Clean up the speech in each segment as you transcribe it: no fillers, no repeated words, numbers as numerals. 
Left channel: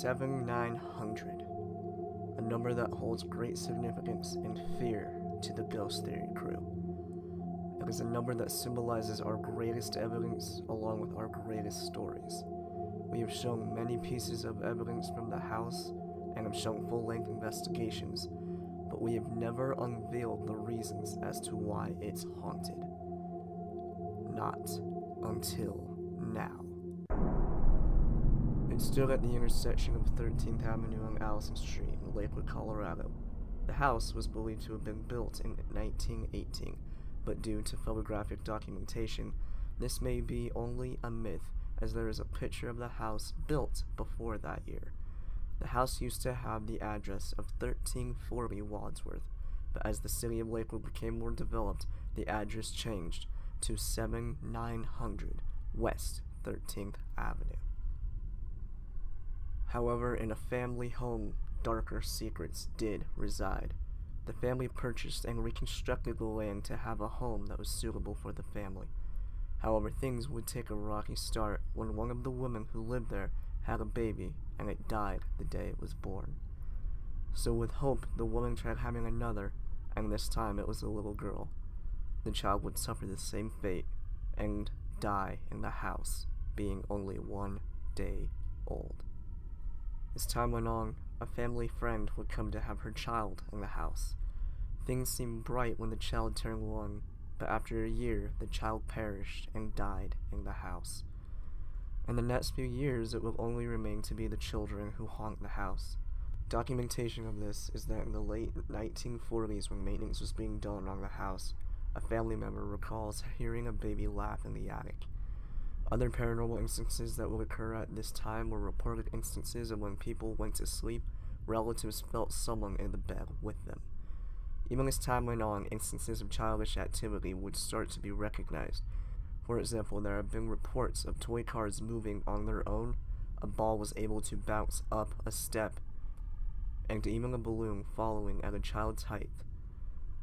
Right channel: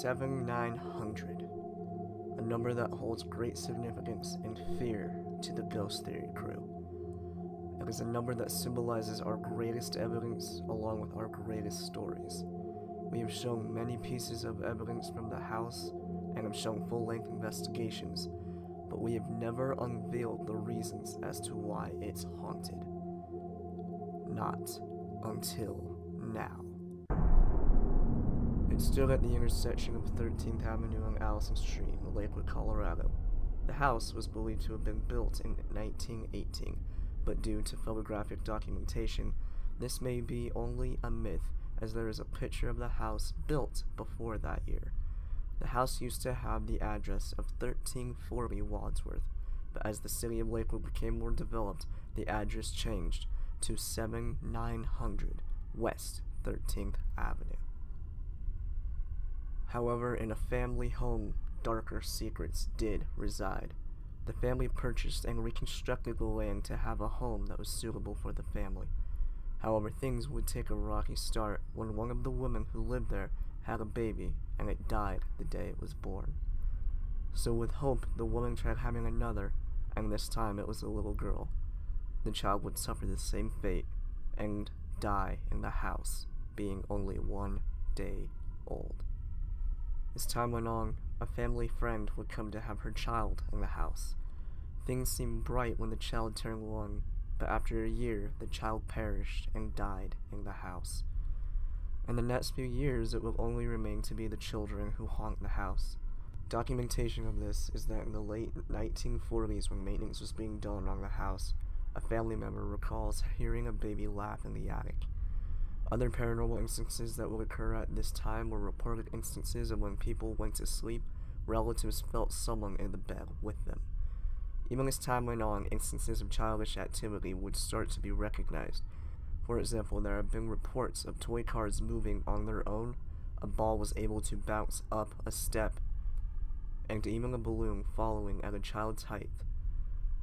7900, a number that holds great significance and fear to the Ghost Theory crew. It is a number that symbolizes our greatest evidence along with our greatest stories. We have shown many pieces of evidence from the house and have shown full-length investigations, but we have never unveiled the reasons as to why it's haunted. Not until now. It stood at the intersection of 13th Avenue and Allison Street in Lakewood, Colorado. The house was believed to have been built in 1918, but due to photographic documentation, this may be only a myth, as there is a picture of the house built before that year. The house used to have the address of 1340 Wadsworth, but as the city of Lakewood became more developed, the address changed to 7900 West 13th Avenue. However, in a family home, darker secrets did reside. The family purchased and reconstructed the land to have a home that was suitable for the family. However, things would take a rocky start when one of the women who lived there had a baby and it died the day it was born. So with hope, the woman tried having another, and this time it was a little girl. The child would suffer the same fate and die in the house, being only 1 day old. As time went on, a family friend would come to have her child in the house. Things seemed bright when the child turned 1, but after a year, the child perished and died in the house. In the next few years, it will only remain to be the children who haunt the house. Documentation of this is that in the late 1940s, when maintenance was being done on the house, a family member recalls hearing a baby laugh in the attic. Other paranormal instances that would occur at this time were reported instances of when people went to sleep, relatives felt someone in the bed with them. Even as time went on, instances of childish activity would start to be recognized. For example, there have been reports of toy cars moving on their own, a ball was able to bounce up a step, and even a balloon following at a child's height.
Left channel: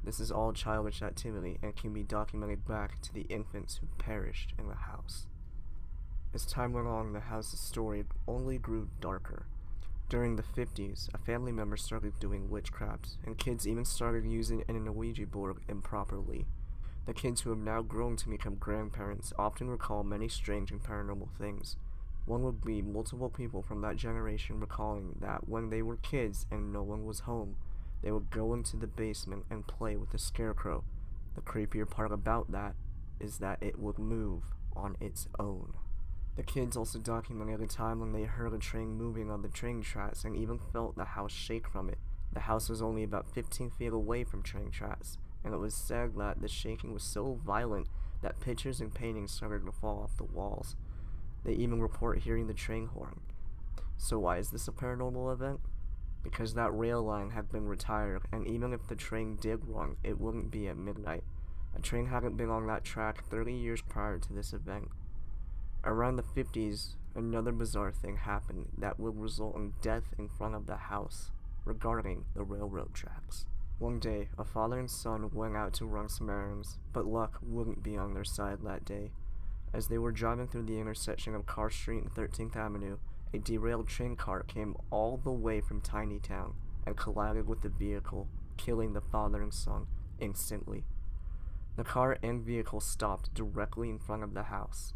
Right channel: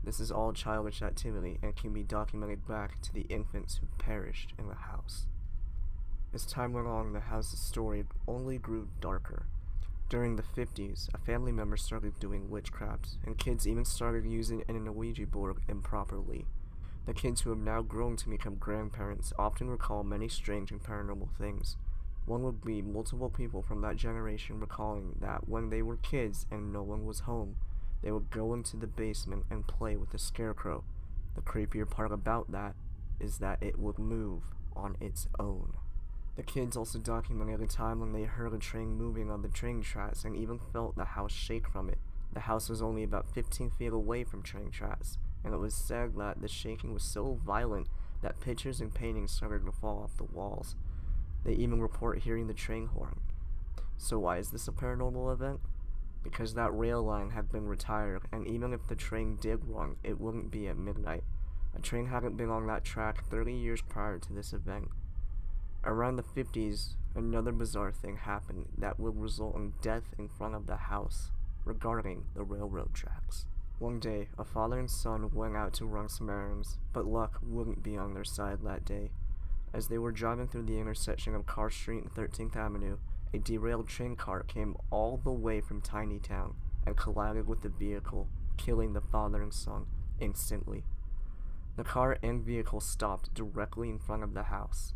This is all childish activity and can be documented back to the infants who perished in the house. As time went on, the house's story only grew darker. During the 50s, a family member started doing witchcraft, and kids even started using an Ouija board improperly. The kids who have now grown to become grandparents often recall many strange and paranormal things. One would be multiple people from that generation recalling that when they were kids and no one was home, they would go into the basement and play with the scarecrow. The creepier part about that is that it would move on its own. The kids also documented a time when they heard a train moving on the train tracks and even felt the house shake from it. The house was only about 15 feet away from train tracks, and it was said that the shaking was so violent that pictures and paintings started to fall off the walls. They even report hearing the train horn. So why is this a paranormal event? Because that rail line had been retired, and even if the train did run, it wouldn't be at midnight. A train hadn't been on that track 30 years prior to this event. Around the 50s, another bizarre thing happened that would result in death in front of the house regarding the railroad tracks. One day, a father and son went out to run some errands, but luck wouldn't be on their side that day. As they were driving through the intersection of Carr Street and 13th Avenue, a derailed train car came all the way from Tiny Town and collided with the vehicle, killing the father and son instantly. The car and vehicle stopped directly in front of the house.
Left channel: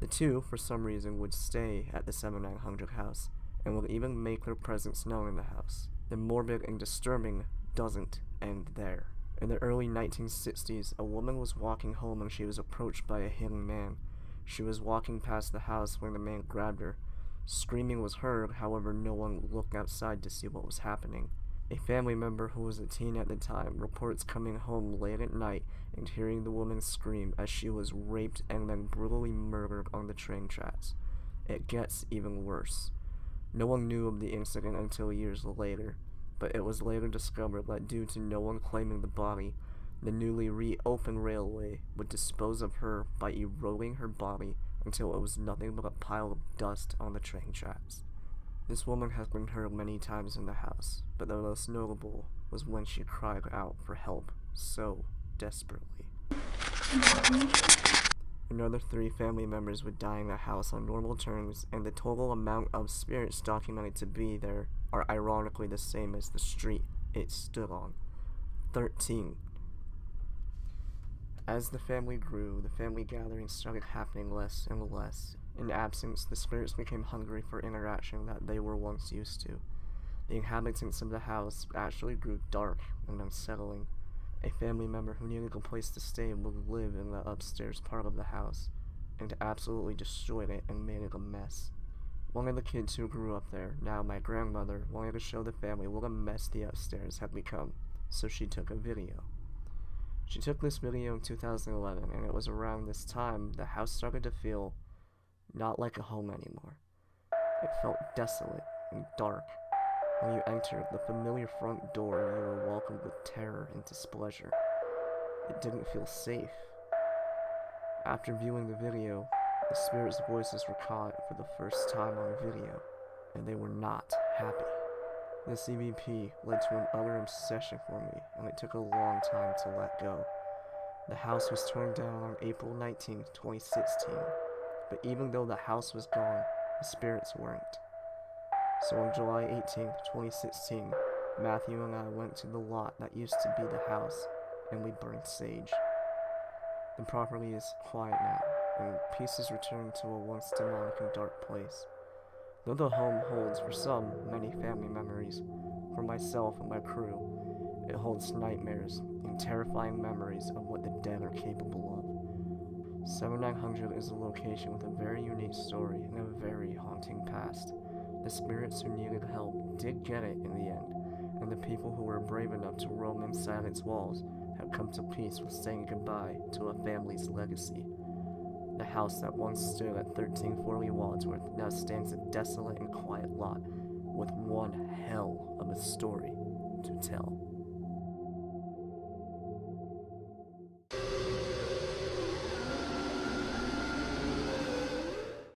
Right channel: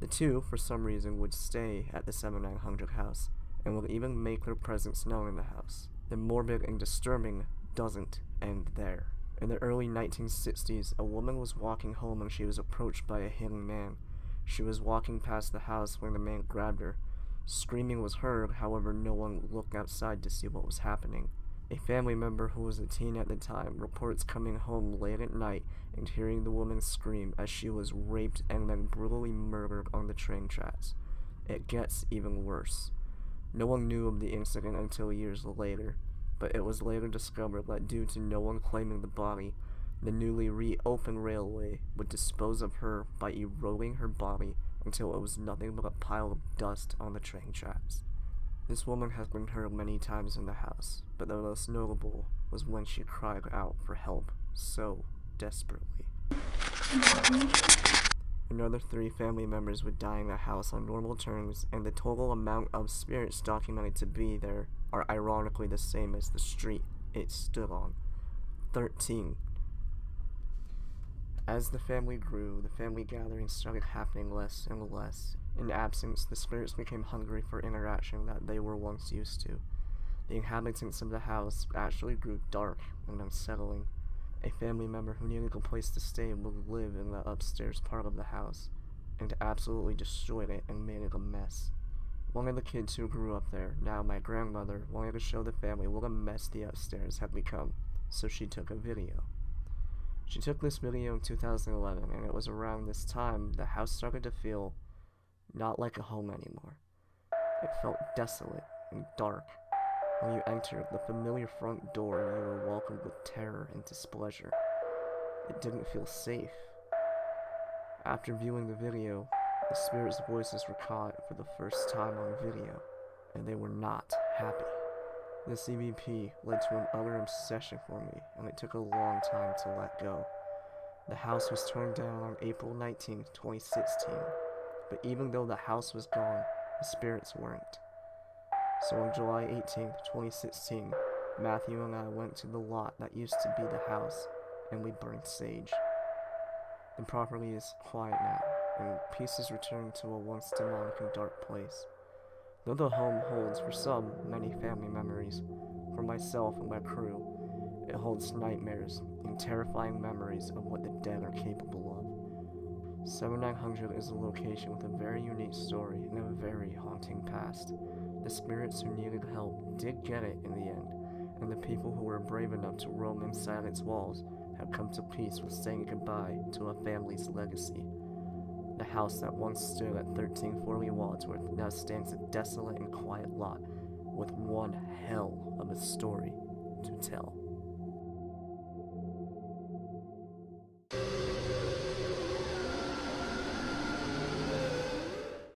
The two, for some reason, would stay at the 7900 house, and would even make their presence known in the house. The morbid and disturbing doesn't end there. In the early 1960s, a woman was walking home when she was approached by a hidden man. She was walking past the house when the man grabbed her. Screaming was heard, however no one looked outside to see what was happening. A family member who was a teen at the time reports coming home late at night and hearing the woman scream as she was raped and then brutally murdered on the train tracks. It gets even worse. No one knew of the incident until years later, but it was later discovered that due to no one claiming the body, the newly reopened railway would dispose of her by eroding her body until it was nothing but a pile of dust on the train tracks. This woman has been heard many times in the house, but the most notable was when she cried out for help so desperately. Another 3 family members would die in the house on normal terms, and the total amount of spirits documented to be there are ironically the same as the street it stood on. 13. As the family grew, the family gatherings started happening less and less. In absence, the spirits became hungry for interaction that they were once used to. The inhabitants of the house actually grew dark and unsettling. A family member who needed a place to stay would live in the upstairs part of the house, and absolutely destroyed it and made it a mess. One of the kids who grew up there, now my grandmother, wanted to show the family what a mess the upstairs had become, so she took a video. She took this video in 2011, and it was around this time the house started to feel not like a home anymore. It felt desolate and dark. When you entered the familiar front door, you were welcomed with terror and displeasure. It didn't feel safe. After viewing the video, the spirits' voices were caught for the first time on video, and they were not happy. This EVP led to an utter obsession for me, and it took a long time to let go. The house was torn down on April 19, 2016, but even though the house was gone, the spirits weren't. So on July 18, 2016, Matthew and I went to the lot that used to be the house, and we burned sage. The property is quiet now, and peace has returned to a once demonic and dark place. Though the home holds, for some, many family memories, for myself and my crew, it holds nightmares and terrifying memories of what the dead are capable of. 7900 is a location with a very unique story and a very haunting past. The spirits who needed help did get it in the end, and the people who were brave enough to roam inside its walls have come to peace with saying goodbye to a family's legacy. The house that once stood at 1340 Wadsworth now stands a desolate and quiet lot with one hell of a story to tell.